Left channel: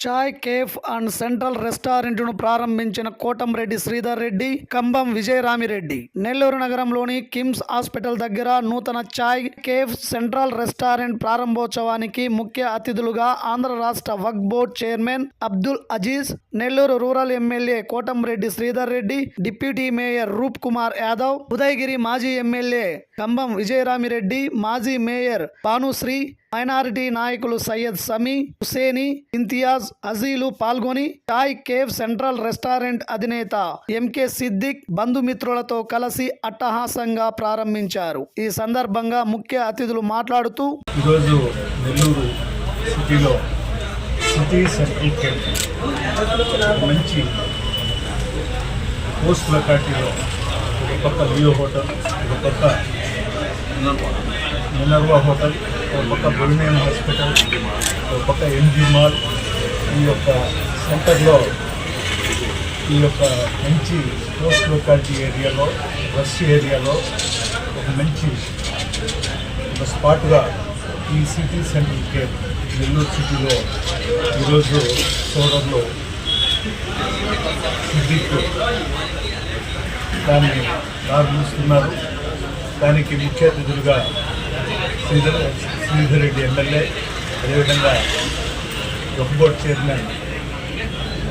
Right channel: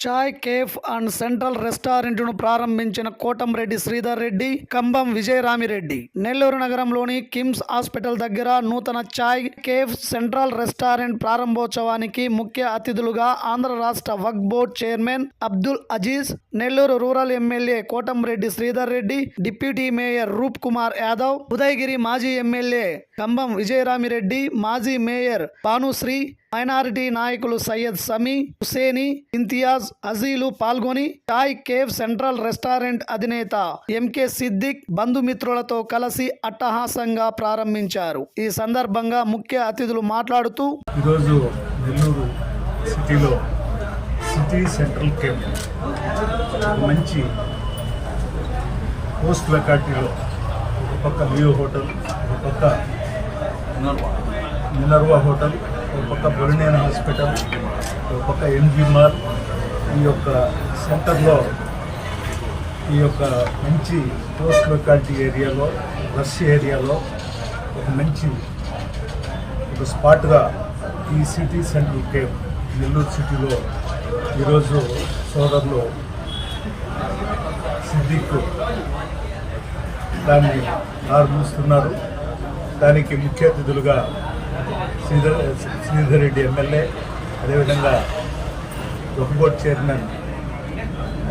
Chai cafe and central రెస్టారెంట్ను ప్రారంభించిన కోటంరెడ్డి శ్రీధర్ రెడ్డి కంబం విజయరామిరెడ్డి. నెల్లూరు నగరంలోని కిమ్స్ హాస్పిటల్ దగ్గర నూతన చాయ్ కేఫ్ సెంట్రల్ రెస్టారెంట్ ప్రారంభోత్సవానికి ముఖ్య అతిథులుగా ఆంధ్ర రాష్ట్ర Waqf board chairman Abdul Aziz Nellore rural MLA Kotamreddy Sridhar Reddy deputy mayor Roop Kumar Yadav Udayagiri మాజీ ఎమ్మెల్యే కంబం విజయరామిరెడ్డి మాజీ మేయర్ భానుశ్రీ మైనారిటీ నాయకులు సయ్యద్ సమీ హుసేని ఇంతియాజ్ అజీలు పాల్గొని చాయ్ కేవ్ సెంట్రల్ రెస్టారెంట్ అధినేత ఎంకే సిద్దిక్ బంధుమిత్రులతో కలిసి అట్టహాసంగా ప్రారంభించారు. ఈ సందర్భంగా ముఖ్య అతిథులు మాట్లాడుతూ ఈరోజు నెల్లూరు సిటీలో సిటీ సెంట్రల్ క్యాంప్ మంచి పోస్ట్ లొకాలిటీలో ఒక పక్క లియో హోటల్ ఒక పక్క మినర్వా హోటల్ ఒక పక్క బొరినేన హాస్పిటల్ ఒక పక్క ఎన్జీ మాల్ ఈ యొక్క సెంటర్లో ఈ యొక్క మంచి క్లోజ్ లొకాలిటీ ఏరియాలో రష్ ఏరియాలో ఒక మంచి ఒక స్పాట్గా ఈ సిటీ సెంట్రల్ కేర్ నెల్లూరు సిటీలో ఈరోజు సోదరులో సిద్దిక్ దాన్ని ప్రారంభిస్తున్నారు దానికి ముఖ్య అతిథులుగా శ్రీధర్ శ్రీధర్ రెడ్డి ఎమ్మెల్యే అదేవిధంగా బోర్డ్ చైర్మన్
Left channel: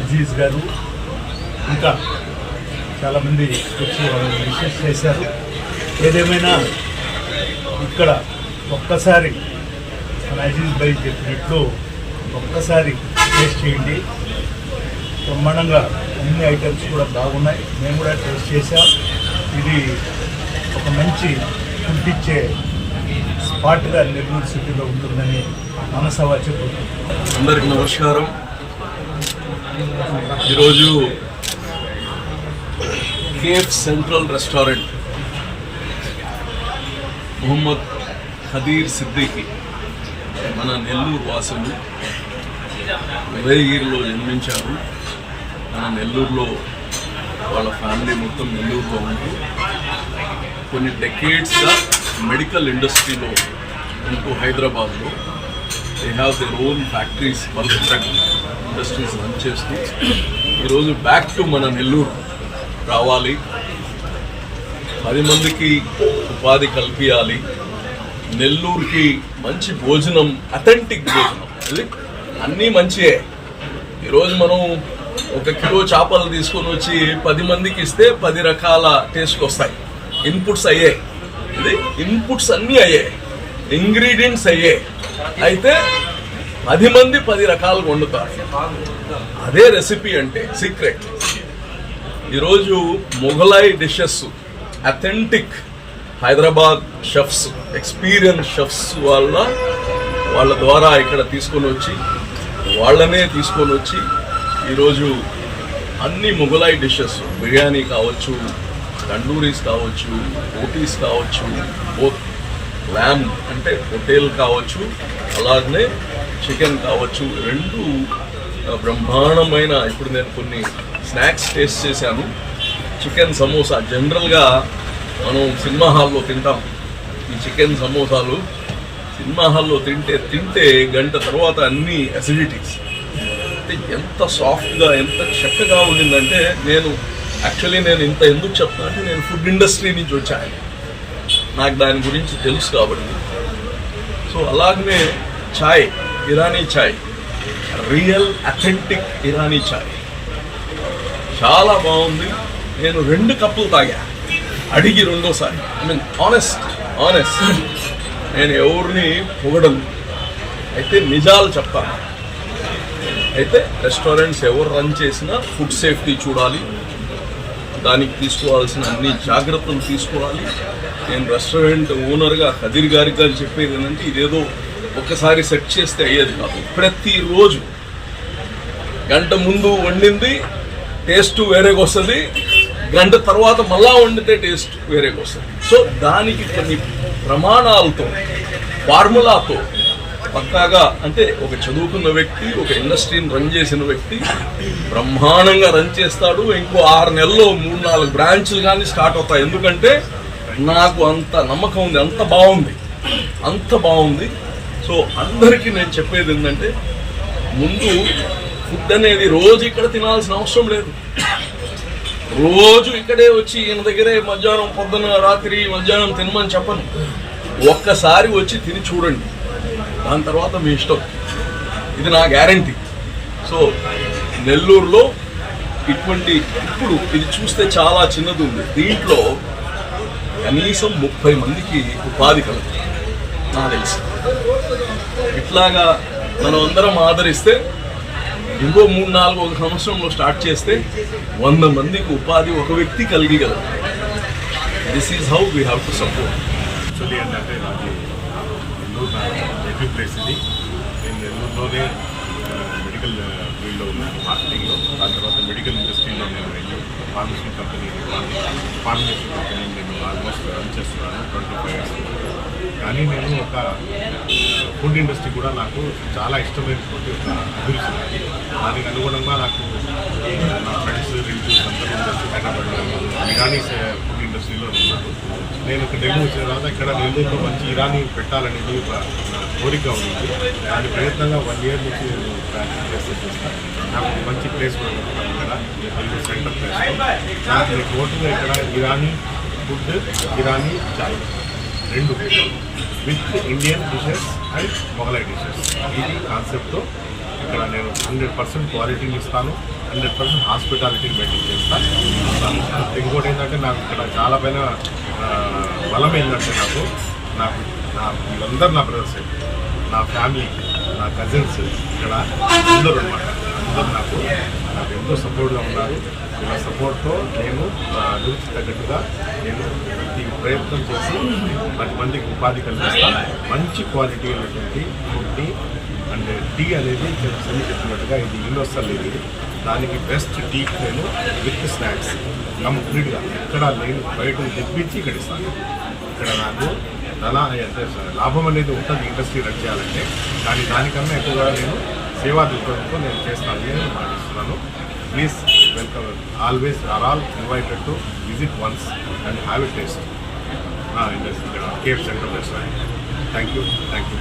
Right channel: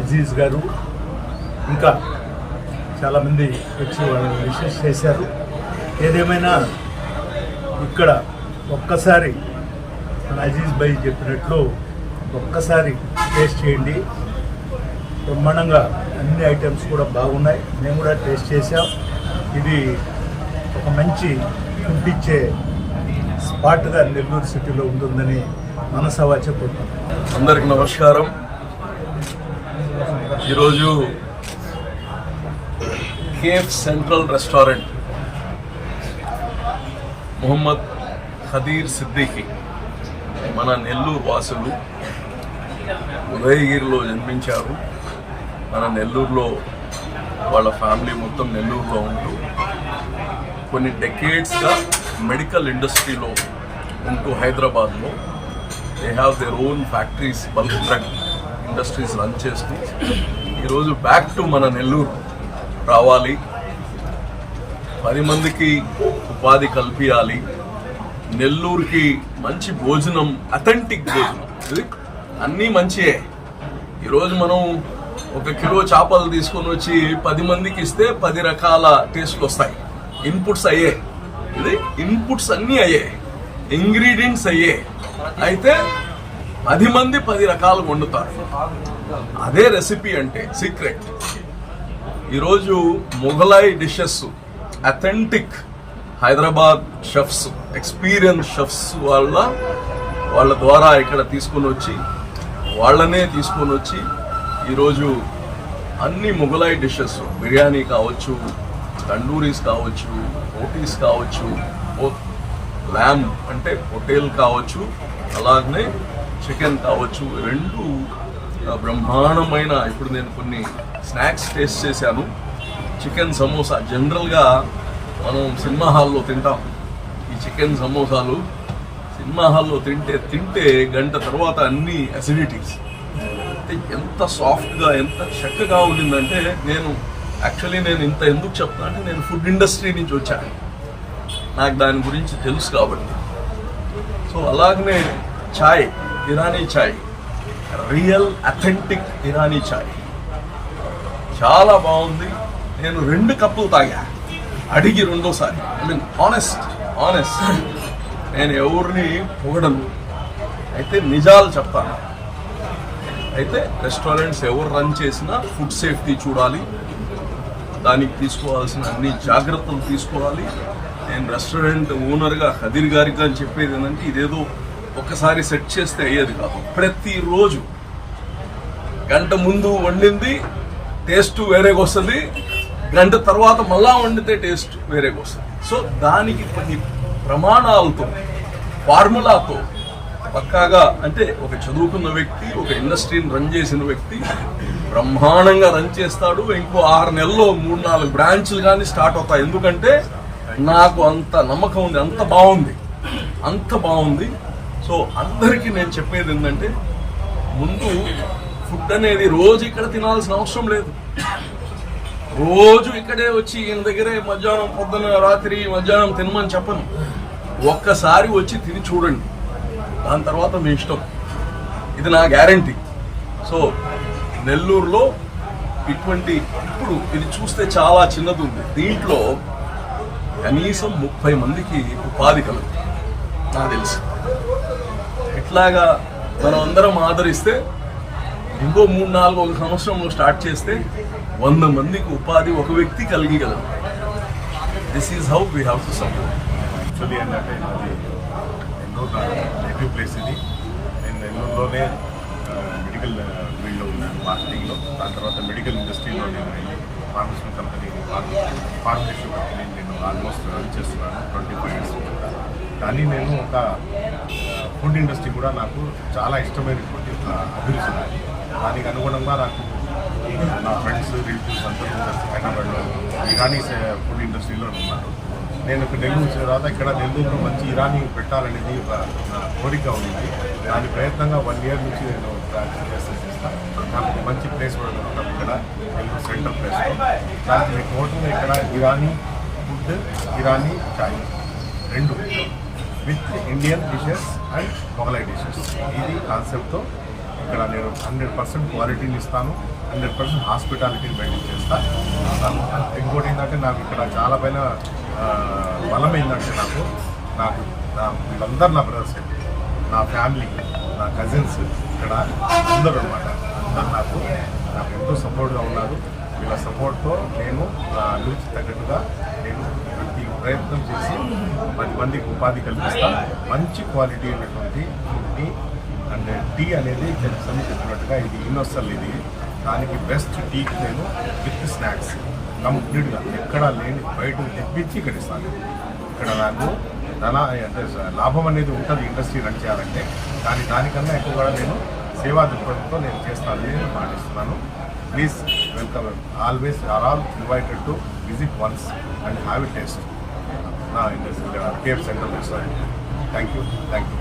అజీజ్ గారు. ఇంకా చాలామంది వచ్చి వాళ్ళు విశేష చేశారు. ఏదేమైనా ఇక్కడ ఒక్కసారి మన అజీజ్ భాయ్ చెప్పినట్లు ఒక్కసారి టేస్ట్ చేయండి. బ్రహ్మాండంగా అన్ని ఐటమ్స్ కూడా బాగున్నాయి. మేము కూడా టేస్ట్ చేసాం ఇది ఒక మంచి ఫుడ్ ఇచ్చే స్పాట్గా నెల్లూరు సిటీలో ఉంటుందని మనసవా చెప్పుకుంటాం. అందరికి నమస్కారం. ఈరోజు cafe central restaurant Mohammed Khadeer Siddiqui మన నెల్లూరు వాసులు ఉదయగిరిలో జన్మించారు. మన నెల్లూరులో వాళ్ళ ఫ్యామిలీ మొత్తం నెల్లూరులో ఉంటూ కొన్ని డెకేట్స్గా మెడికల్ ఇండస్ట్రీలో ఉంటూ హైదరాబాద్లో they have their own factories bulk drug industries run చేస్తూ ఈరోజు బ్యాక్ టు మన నెల్లూరు రావాలి. పది మందికి ఉపాధి కల్పించాలి నెల్లూరుకి మంచి భోజనం అథెంటిక్ భోజనం. ఇది అన్నీ మంచియే. ఈరోజు మనం ఒక కిలో చేపలు తీసుకొని వచ్చి పది మందికి ఇస్తే పది రకాల టేస్ట్ వస్తాయి. ఇన్పుట్స్ అయ్యే. ఇది ఇన్పుట్స్ అన్నీ అయ్యే ఇంగ్రీడియంట్స్ అయ్యే అయితే పది మంది పది రకాలు వండుతారు. అదే రెసిపీ అంటే సీక్రెట్ ఈరోజు Mughlai dishes authentic Hyderabad chefs experience chefs వాళ్ళ వాళ్ళ ద్వారా ఇక్కడ తీసుకొని వచ్చి వాళ్ళనే తీసుకొని వచ్చి ఈరోజు అన్ని మొఘలాయి డిషెస్ బిర్యానీ కావచ్చు తండూరీస్ కావచ్చు ఓటీస్ కావచ్చు ల్యామ్ అంటే పొటేల్ కావచ్చు అలాగనే చికెన్ కావచ్చు రెండు బ్రహ్మాండమైన ఇప్పుడు నేను కొన్ని స్నాక్స్ టేస్ట్ చేశాను. చికెన్ సమోసా జనరల్గా మనం సినిమా హాల్లో తింటాం. ఈ చికెన్ సమోసాలు సినిమా హాల్లో తింటే తింటే గంట తర్వాత అన్ని అసిడిటీస్ అంటే ఎంత సాఫ్ట్గా ఎంత చక్కగా ఉండిందంటే నేను యాక్చువల్లీ నేను ఇంత ఎందుకు చెప్తా అంటే నేను ఫుడ్ ఇండస్ట్రీ నుంచి వచ్చాను. నాకు దాని గురించి తెలుసు కాబట్టి. సో అలాగనే ఛాయ్ ఇరానీ ఛాయ్ రియల్ అథెంటిక్ ఇరానీ ఛాయ్ చాలా బాగుంది. నేను రెండు కప్పులు తాగా. అడిగి రెండోసారి. ఐ మీన్ ఆనెస్ట్ ఆనెస్ట్ నేను ఎవరిని పొగడను. అయితే నిజాలు చెప్తాను. అయితే రెస్టారెంట్స్ ఎవరు రన్ చేసినా ఫుడ్ సేఫ్టీ చూడాలి. దానికి తీసుకోవాల్సిన అన్ని జాగ్రత్తలు తీసుకోవాలి. నేను రెస్టారెంట్ ఓనర్గా ఖదీర్ గారికి అని చెప్పేది ఏంటంటే ఇదేదో ఒక్కసారి సెట్ చేస్తే అయ్యేది కాదు. ప్రతిరోజు గంట ముందు వండింది టేస్ట్ వేరేగా వస్తుంది గంట తర్వాత మళ్ళా వండితే టేస్ట్ వేరేగా వస్తుంది. సో దానికి కొన్ని ప్రమాణాలతో ఫార్ములాతో పక్కాగా అంటే ఒక చదువుకున్న వ్యక్తి ఒక ఇండస్ట్రీని రన్ చేసిన వ్యక్తి బ్రహ్మాండంగా రన్ చేస్తాడు. ఇంకో ఆరు నెలల్లో మూడు నాలుగు బ్రాంచ్లు కానీ స్టార్ట్ అవుతాయి. ఎందుకంటే నాకు అంత నమ్మకం ఉంది. అంత బాగుంది. అంత బాగుంది. సో అందరికీ నేను చెప్పేది ఏంటంటే ముందు ఫుడ్ అనేది రోజు ఇక్కడ తినాల్సిన అవసరం లేదు. రోజు ఇక్కడే వచ్చి ఈయన దగ్గరే మధ్యాహ్నం పొద్దున్న రాత్రి మధ్యాహ్నం తినమని చెప్పను. ఒక్కసారి వచ్చి తిని చూడండి. దాని తర్వాత మీ ఇష్టం. ఇది నా గ్యారంటీ. సో నెల్లూరులో ఇటువంటి ఇప్పుడు ఇది చూస్తే చాలా చిన్నది ఉంది. దీంట్లో కనీసం ముప్పై మందికి ఉపాధి కలదు నాకు తెలిసి. ఇట్లాగా మనం అందరం ఆదరిస్తే ఇంకో మూడు నాలుగు ఒక సంవత్సరంలో స్టార్ట్ చేస్తే వంద మందికి ఉపాధి ఒక వ్యక్తి కలిగి కలిగలదు this is how we have to support actually ఏంటంటే నాది నెల్లూరు నా నేటివ్ ప్లేస్ ఇది. నేను నెల్లూరులోనే మెడికల్ ఫీల్డ్లో ఉన్నాను. మార్కెటింగ్లో. దాని తర్వాత మెడికల్ ఇండస్ట్రీలో నేను ఫార్మసీ కంపెనీ ఫార్మేషన్ కంపెనీ నేను ఆల్మోస్ట్ రన్ చేస్తున్నాను ట్వంటీ ఫైవ్ ఇయర్స్ కానీ నేను ఒక ఫుడ్ ఇండస్ట్రీ కూడా నాకు చాలా ఇష్టమైనటువంటి ఒక అభిరుచి నాది. దానికి అనుగుణంగా నాకు నా ఫ్రెండ్స్ రిలేటివ్స్ అందరూ హైదరాబాద్లో ఇరానీ ఫుడ్ ఇండస్ట్రీలో ఉన్నారు. నేను ఇక్కడ నెల్లూరు వచ్చిన తర్వాత ఇక్కడ నెల్లూరులో మంచి ఇరానీ పెట్టాలనేది నా కోరిక ఉంది. దాని ప్రయత్నంగా వన్ ఇయర్ నుంచి నేను ప్రాక్టీస్ చేస్తూ చేస్తాను నాకు మంచి ప్లేస్ కూడా ఇక్కడ నెల్లూరు సెంటర్ ప్లేస్ దానికి నేను టోటల్గా ఇక్కడ ఇరానీ ఫుడ్ ఇరానీ చాయ్ రెండు with Indian dishes and Mughlai dishes ఇది కాన్సెప్ట్తో ఇక్కడ నేను హండ్రెడ్ పర్సెంట్ క్వాలిటీని ఇస్తాను హండ్రెడ్ పర్సెంట్ హాస్పిటాలిటీని మెయింటైన్ చేస్తాను ఇంకోటి ఏంటంటే నాకు ఇక్కడ చాలా పైన బలం ఏంటంటే నాకు నాకు నా వీళ్ళందరూ నా బ్రదర్స్ నా ఫ్యామిలీ నా కజిన్స్ ఇక్కడ అందరూ అనమాట అందరూ నాకు నాకు ఎంతో సపోర్ట్గా ఉన్నారు. నా సపోర్ట్తో నేను నా అభివృద్ధి తగ్గట్టుగా నేను ప్రతి ప్రయత్నం చేసి పది మందికి ఉపాధి కల్పిస్తాను మంచి క్వాలిటీ అయినటువంటి ఫుడ్ని అండ్ టీ అనేది సన్ని చెప్పినట్టుగా ఇది యూనివర్సల్ ఇది. దానికి బెస్ట్ టీ నేను విత్ స్నాక్స్ కంప్లీట్గా ఎక్కడ లేని బయట తెప్పించి ఇక్కడ ఇస్తాను ఇక్కడ నాకు అలా అంటే లాభం అనేది ఉంటుంది ఇండస్ట్రీ రన్ చేయాలంటే. కానీ దానికన్నా ఎక్కువగా నేను సేవా దృక్పథంతో నేను చేస్తానని నేను మాటిస్తున్నాను please welcome always are all invited to visit once and have a taste నా ఇండస్ట్రీ ఇక్కడ cafe centre restaurant thank you thank you